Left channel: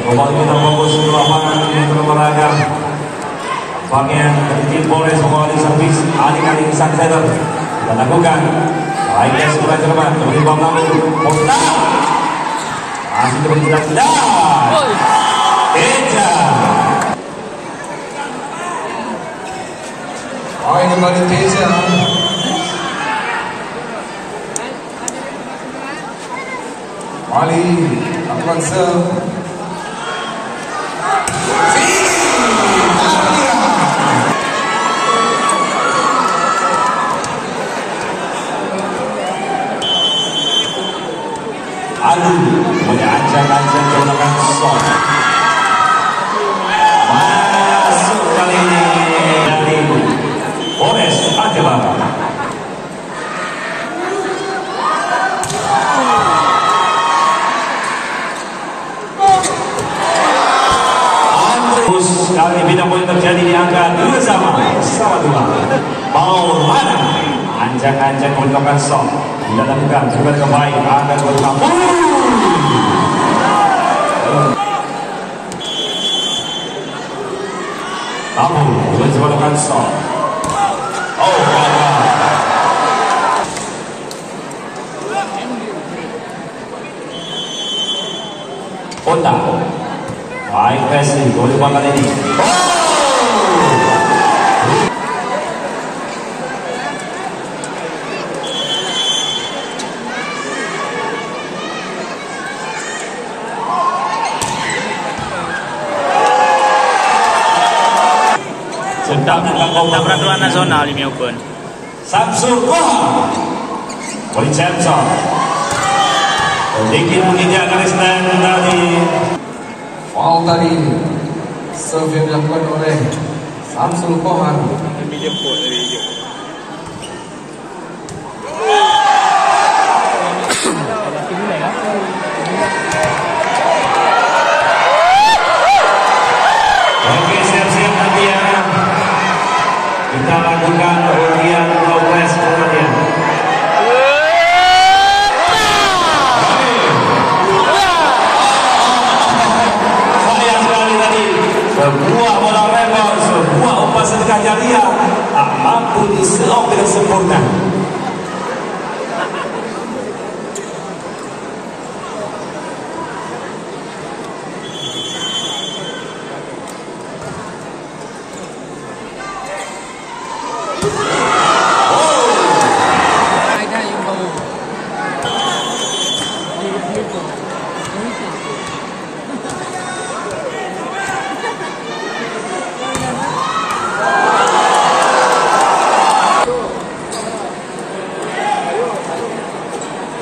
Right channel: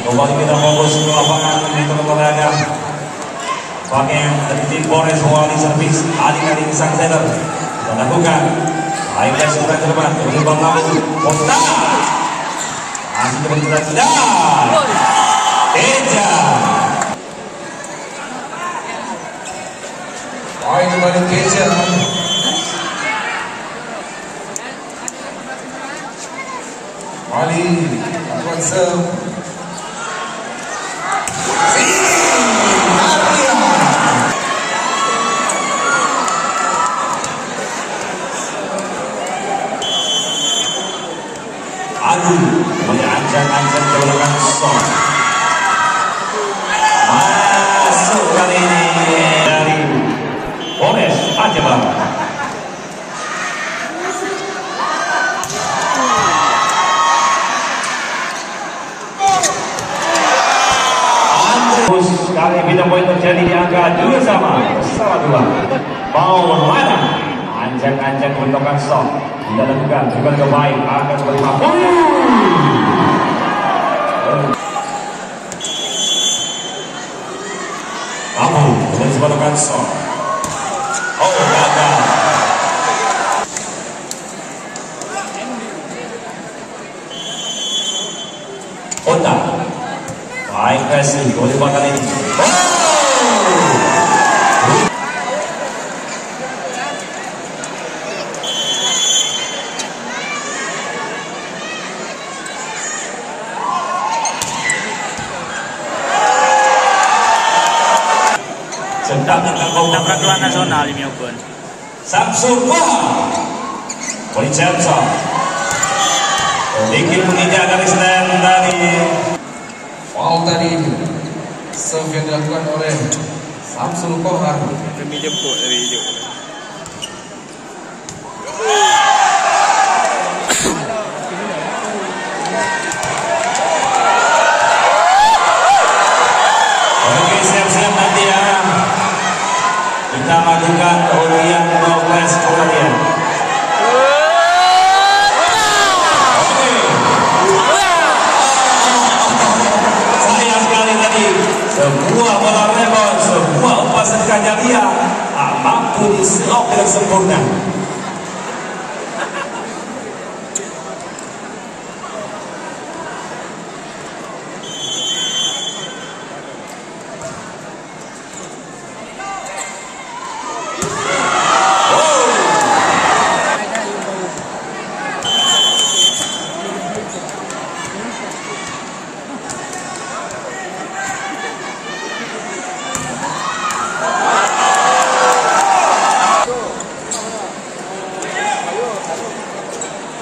Kembali kita fokus ke lapangan untuk olahraga. Bagian dari tim Polres mengawali servis aling-aling sang setter. Kita lakukan. Baiknya sebelah cermat dari bawah lalu. Posta. Masih terus tidak. Teja. Baik kembali Teja. Wali lakukan serve. Adu oleh ancang-ancang menggunakan shot. Masuk kali ini dari Polres Aceh Barat. Terus kali bina poin terjadi di angka 2 sama 2. Maulana ancang-ancang menggunakan shot. Tidak lakukan, bukan kebaik, akan berubah. Kamu bukan sebalikkan shot. Oh, gagal. Kota. Baik Messi, boleh bakal ini. Oh! Kita peraturan nasional di Melbourne. Samsul Wah, Vincenzo sedikit menginjak dari stand tadi. Foul tadi serve yang dilakukan oleh Samsul Kohar. Demi jemput dari hijau. Oke, siap-siap nanti ya. Kita lakukan undian 12 kemudian. Sayang sekali tadi sebuah bola rebound, sebuah umpan sedekah jariah tak mampu diselok dengan sempurna.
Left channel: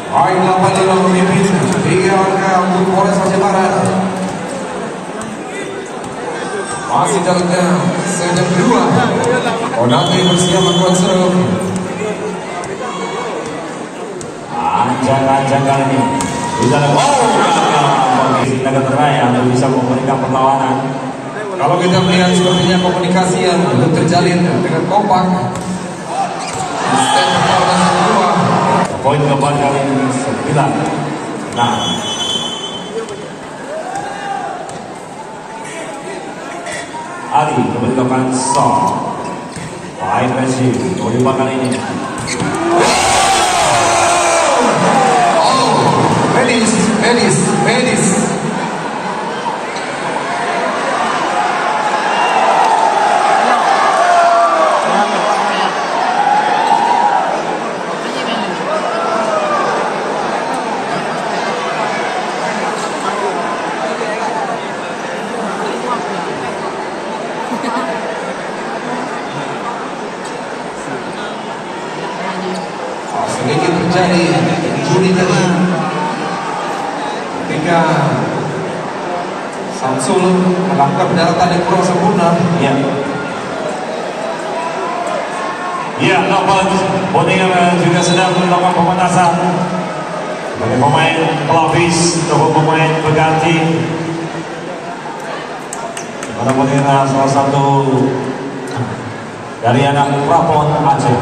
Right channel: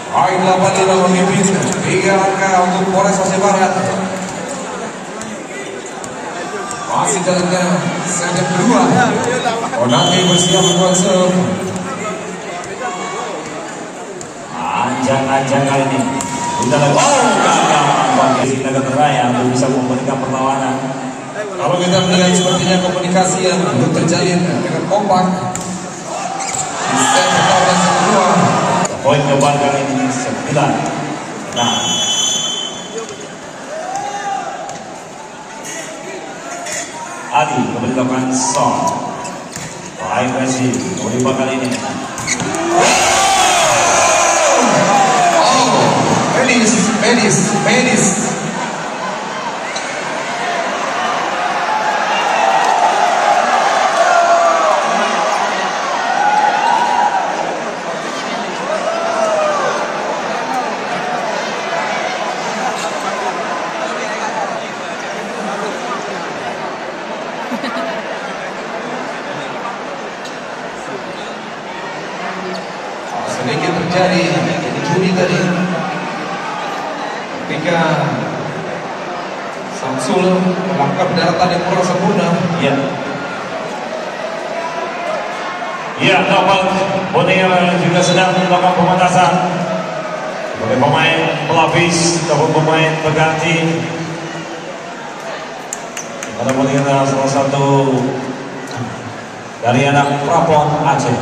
Baik 85 memimpin 3 angka untuk Polres Aceh Barat. Masih dalam set kedua. Onate bersiap membuat serve. Ancang-ancang kali ini tidak ada gagal bagi Naga Raya untuk bisa memberikan perlawanan. Kalau kita melihat sepertinya komunikasi yang belum terjalin dengan kompak. Di set pertama dan kedua. Poin keempat kali ini 9. Nah, Adi kembali melakukan shot. Baik Messi, poin kali ini. Medis. Sedikit terjadi juri tadi ketika Samsul melakukan pendaratan yang kurang sempurna. Ya. Ya, dapat Boninger juga sedang melakukan pemanasan sebagai pemain pelapis ataupun pemain pengganti. Pada Boninger salah satu dari anak Prapon Aceh.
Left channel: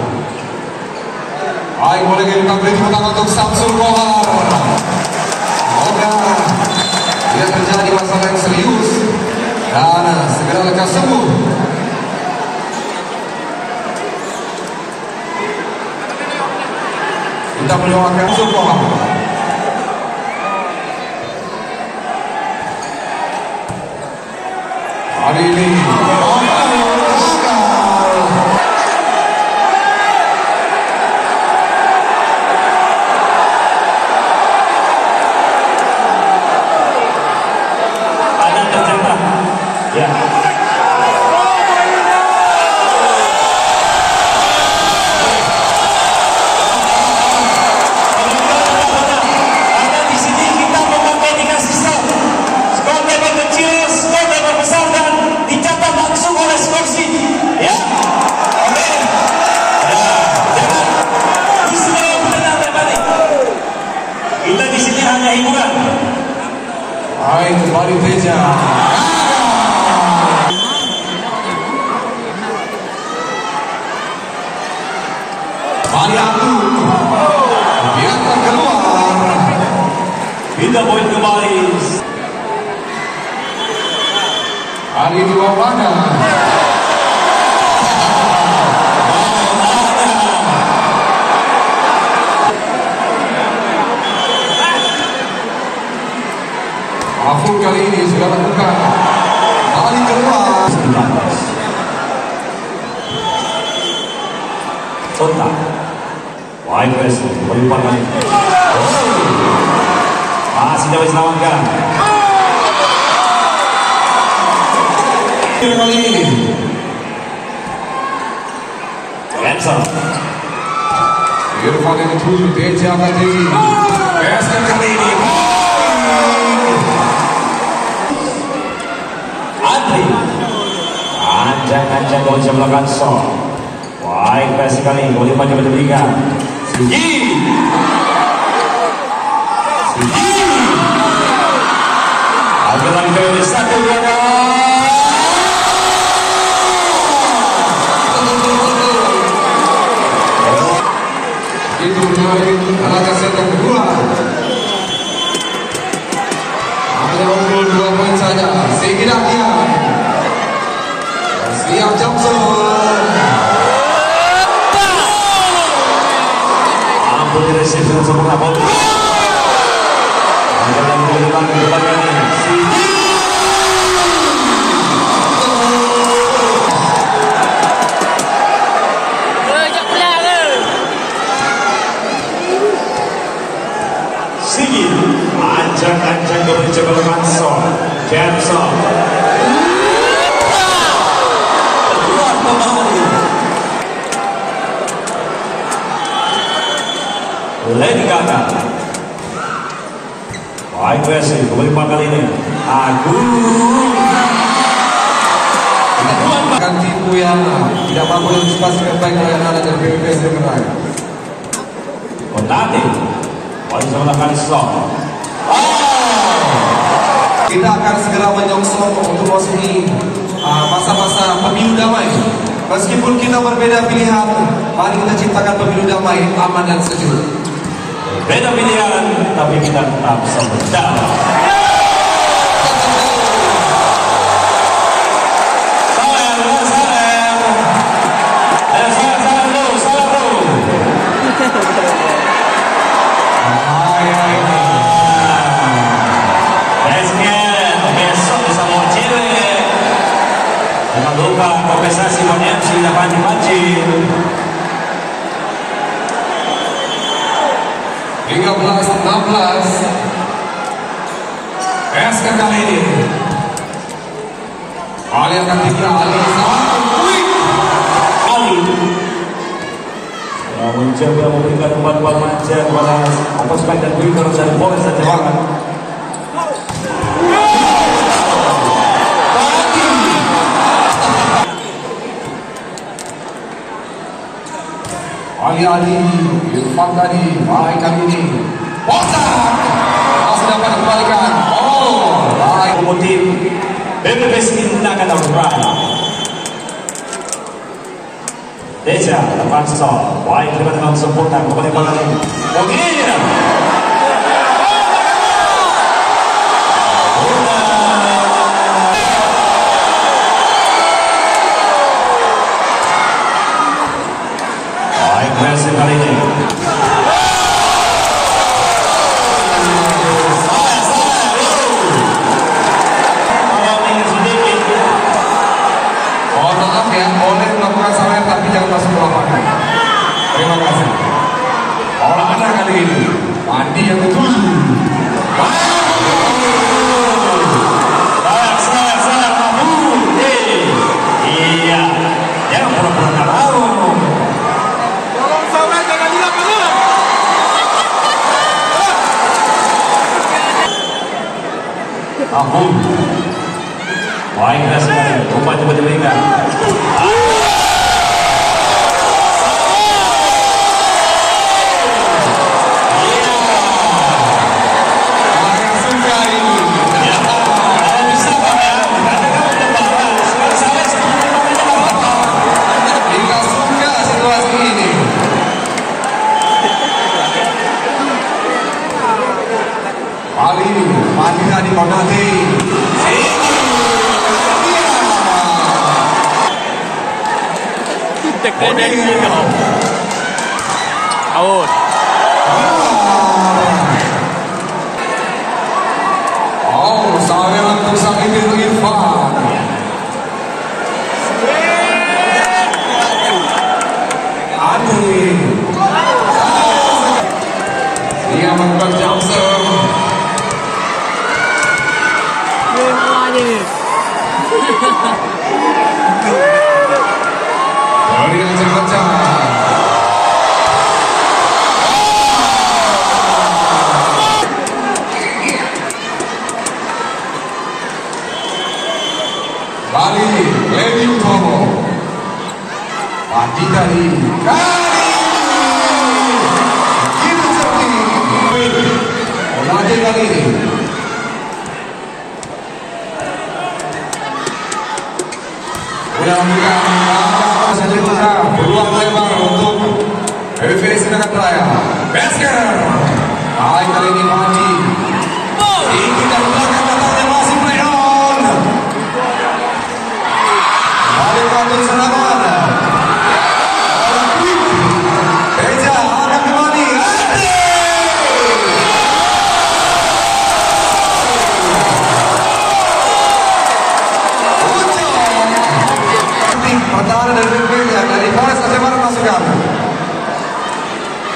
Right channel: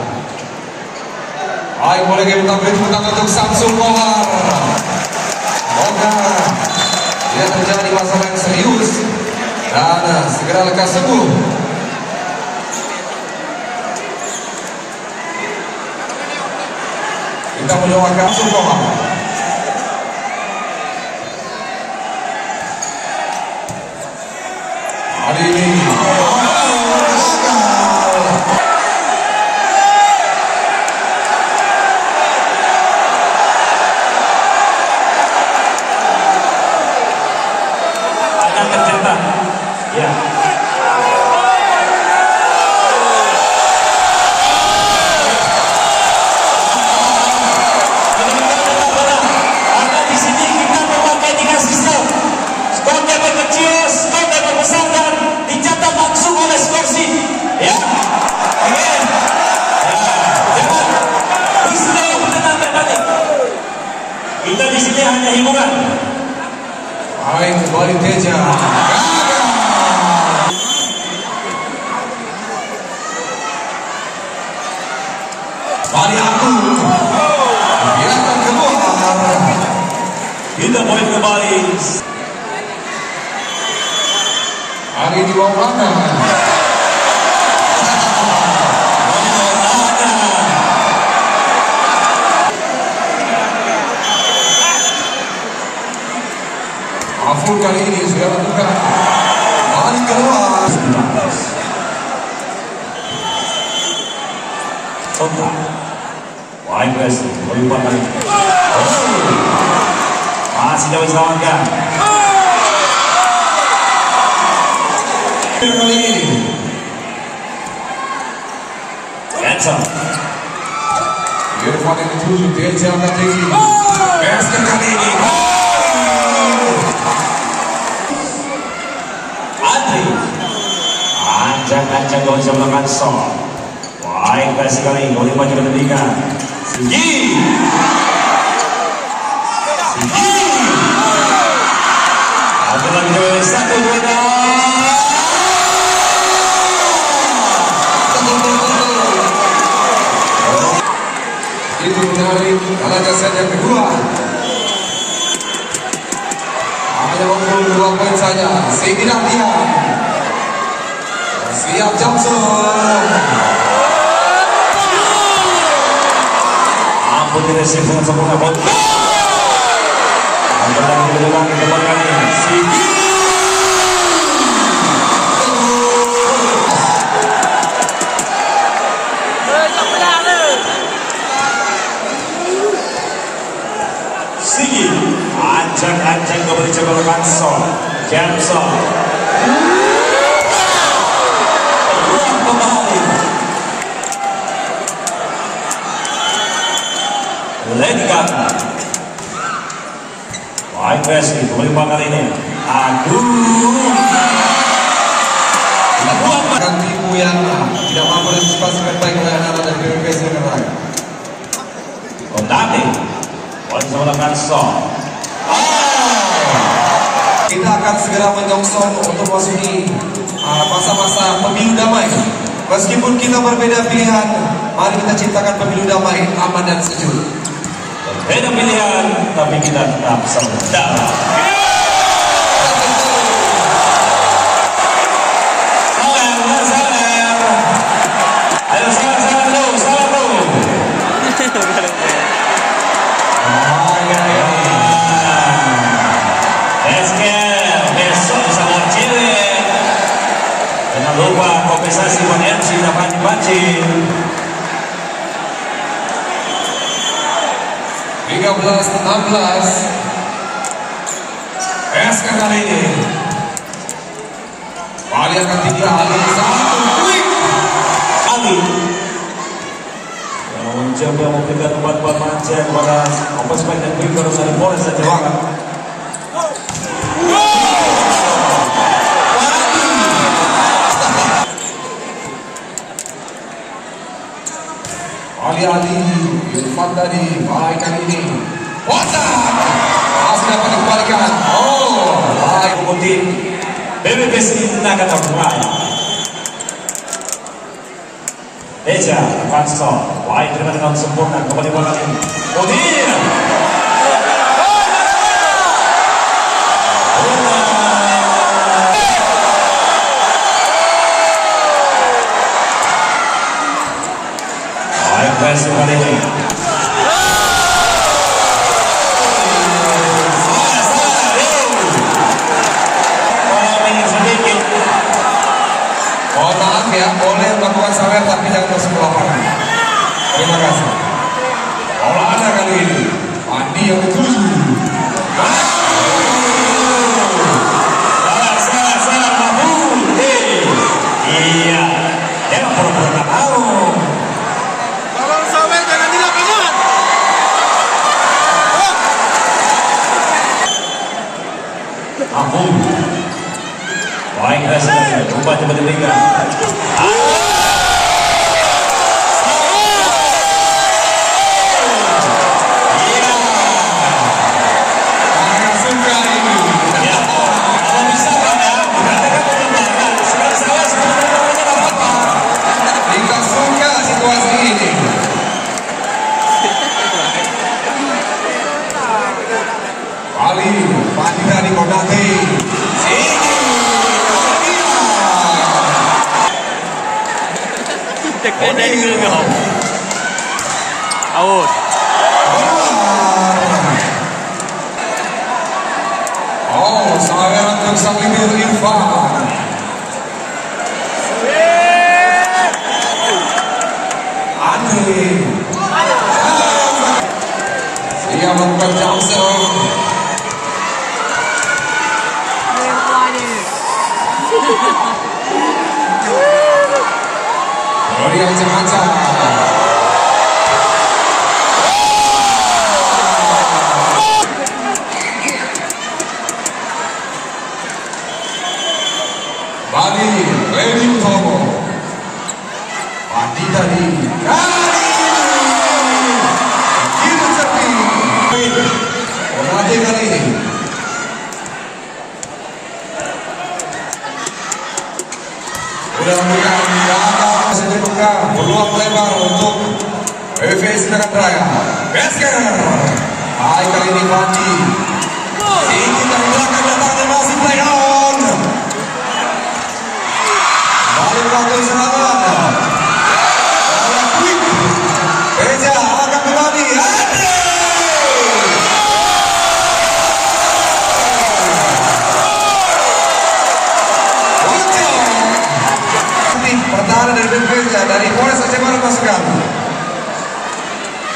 Baik, boleh kita beri tepuk tangan untuk Samsul Kohar. Semoga Tidak terjadi masalah yang serius dan segera lekas sembuh. Kita mendoakan semua. Hari ini ada tercetak. Ya. Karena di sini kita memakai tiga sistem. Skor yang kecil, skor yang besar dan dicatat langsung oleh skorsi. Ya. Oke. Ya. Jangan istilah benar berbalik. Kita di sini hanya hiburan. baik kembali Teja. Kembali aku. Biarkan keluar. Tidak poin kembali. Hari ini Maulana. Afur kali ini sudah lakukan. Kembali keluar. Kontak. Wide wrestling. Melipat lagi. Masih jauh diselamatkan. Kali ini. Cancel. Irfan yang dituju. Teja akan Teji. Best kali ini. Andri. Anjang-anjang gol bisa melakukan shot. Baik versi kali. Gol yang banyak berdirikan. Sigi. Sigi. Ada lagi gol 1-2. Itu menyalip tenaga set yang kedua. Hanya unggul 2 poin saja. Segera dia. Siap Johnson. Ampun diresip dengan sempurna. Ada lagi berdepan kembali lagi. Sigi. Sigi. Anjang-anjang kembali coba lakukan shot. Cancel. Peluang kembali. Lady Gaga. Baik Wesley, kembali kali ini. Agung. Akan tipu yang tidak mampu antisipasi dengan baik oleh anak dan BPS yang lain. Kontate. Bisa melakukan shot. Kita akan segera menyongsong untuk memasuki masa-masa pemilu damai. Meskipun kita berbeda pilihan, mari kita ciptakan pemilu damai, aman dan sejuk. Berbeda pilihan, tapi kita tetap saudara. Ayo salam dulu. Besok bisa mau cile. Jangan lupa kompensasi buat MC dan pancing-pancing. 13-16. SK kali ini. Ali akan tinggal. Ali yang mencoba memberikan umpan-umpan manja kepada Atos Baik dan Bingker dari Polres dan Jawa. Ali Irfan tadi baik kali ini. Bosan masih dapat dikembalikan. Baik Kemudian BPS digunakan Australia. Teja lepas shot. Baik terima dengan sempurna kembali bola ini. Kemudian air tapi jangan masuk ke lapangan. Terima kasih. Bola Anda kali ini. Andi yang ketujuh. Salah, Mahmud. Iya, jangan pura-pura tak tahu. Tolong sampai jangan di lapangan. Mahmud. Baik, kita sedang coba diberikan. Ali, Padina di Konate. Tekan dari situ. Out. Oh, saya untuk Sakibul Irfan. Andre. Dia melakukan Johnson. Yang Jakarta. Bali, Levin Tomo. Padi tadi. Kita sepi. Onade kali ini. Mudah-mudahan saja buka peluang lebar untuk PVS Senayan Raya. Besker. Baik kali ini Pandi. Tinggi dari belakang datangnya masih play on. Balik waktu serangan. Oleh Quick. Beja akan kembali. Pertahanan dari Beja dari Polres Aceh Barat masukkan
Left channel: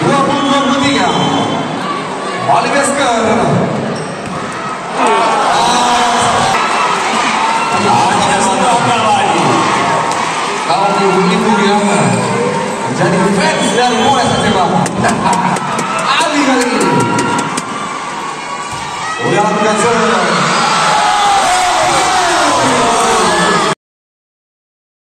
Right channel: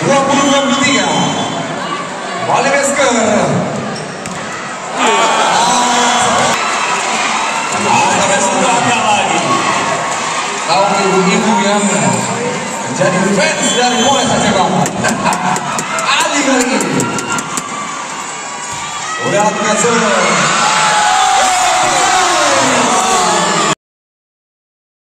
20-23. Bali Besker. Kaum ibu-ibu yang menjadi fans dari Polres Aceh Barat. Ali kali ini. Udah lakukan serang.